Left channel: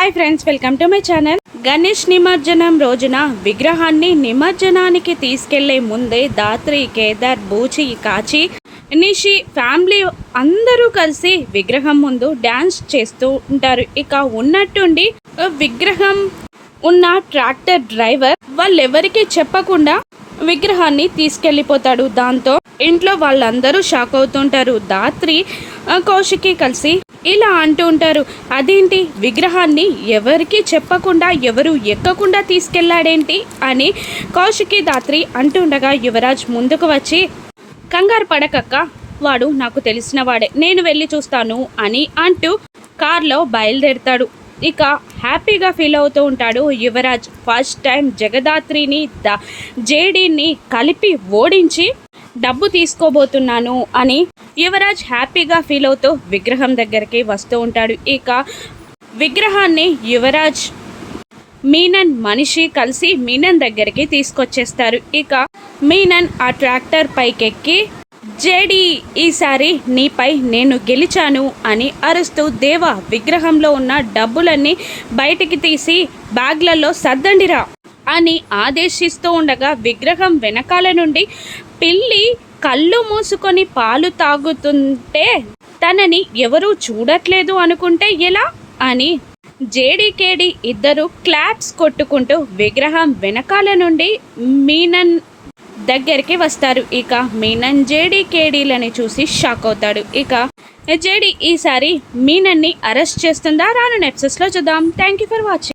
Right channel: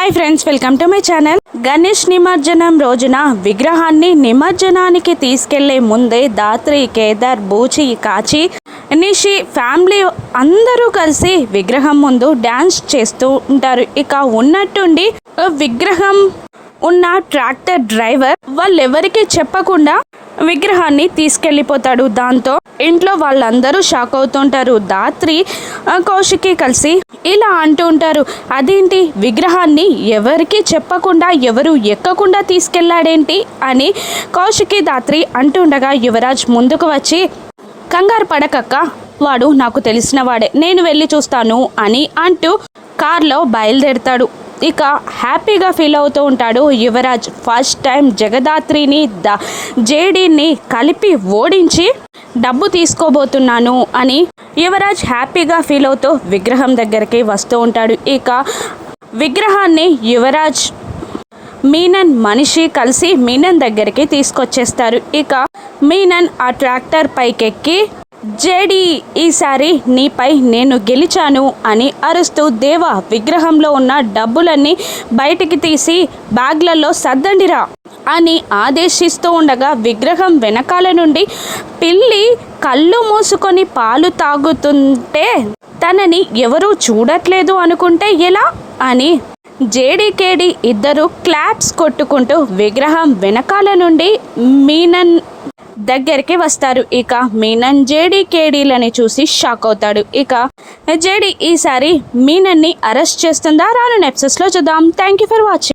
Hi friends, welcome to my channel. Ganesh నిమజ్జనం రోజున విగ్రహాన్ని నిమజ్జనానికి తీసుకెళ్లే ముందే దాత్రి, కేదార్, బూచి, కాచి, నిషి ఫ్యామిలీ అందరూ కలిసి విగ్రహం ముందు డ్యాన్స్ చేస్తూ ఉంటారు. ఇక ఉన్నట్టుండి విగ్రహం ఉన్న ట్రాక్టర్ డ్రైవర్ వాళ్ళెవరికీ చెప్పకుండా విగ్రహాన్ని తీసుకెళ్ళిపోతాడు. దాంతో ఇంట్లో వాళ్ళందరూ షాక్ అవుతుంటారు. దాత్రి, కౌశికి కలిసి ఇలా అంటూ ఉంటారు, అదేంటి విగ్రహాన్ని ఎవరికి చెప్పకుండా ఎవరు ఎక్కకుండా తీసుకెళ్లాడేంటి అని కౌశికి, దాత్రి అంటుండగా యువరాజ్ ముందుకు వచ్చి, కంగారు పడకక్క, వాడు నాకు తెలిసిన వాడే, నేను వెళ్ళి చూస్తాను అని అంటూ కార్లో బయలుదేరుతాడు. ఇక హ్యాపీగా ఫీల్ అవుతూ ఉంటాడు యువరాజ్. ఫస్ట్ టైం జగదాత్రిని జేడీని కలిపి ఓడించి డబ్బు తీసుకోబోతున్నాను అని యువరాజ్ హ్యాపీగా ఫీల్ అవుతూ విగ్రహం దగ్గరికి వస్తూ ఉంటాడు. ఇక విగ్రహాన్ని యువరాజ్, మీనన్ మనిషి కలిసి మీనన్ దగ్గరికి తీసుకొచ్చేస్తారు. ఇక మీనన్ ఆ ట్రాక్టర్ పైకెక్కి, జేడీ ఈసారి నీపై నేను గెలిచాను అని అరుస్తూ, దేవా విగ్రహంలో ఉన్న డబ్బులన్నీ బయటికి తీసి బ్యాగ్లలో సర్దండిరా అని ఆదేశిస్తూ ఉండగా విగ్రహం వెనకాల నుండి పిల్లి కళ్ళు మూసుకొని పాలు తాగుతుంటే తనని ఎవరూ చూడట్లేదు అనుకుంటే ఎలా అని జేడీకేడి ఇద్దరు క్లాప్స్ కొట్టుకుంటూ విగ్రహం వెనకాల నుండి మీనన్ దగ్గరికి వస్తారు. ఇక మీనన్ జేడీకేడీలని చూసి షాక్ అవుతాడు. ఇక జేడీ ఈసారి మీనన్ని అరెస్ట్ చేస్తుందా? రాను ఎపిసోడ్స్లో చూద్దాం. Thank you for watching.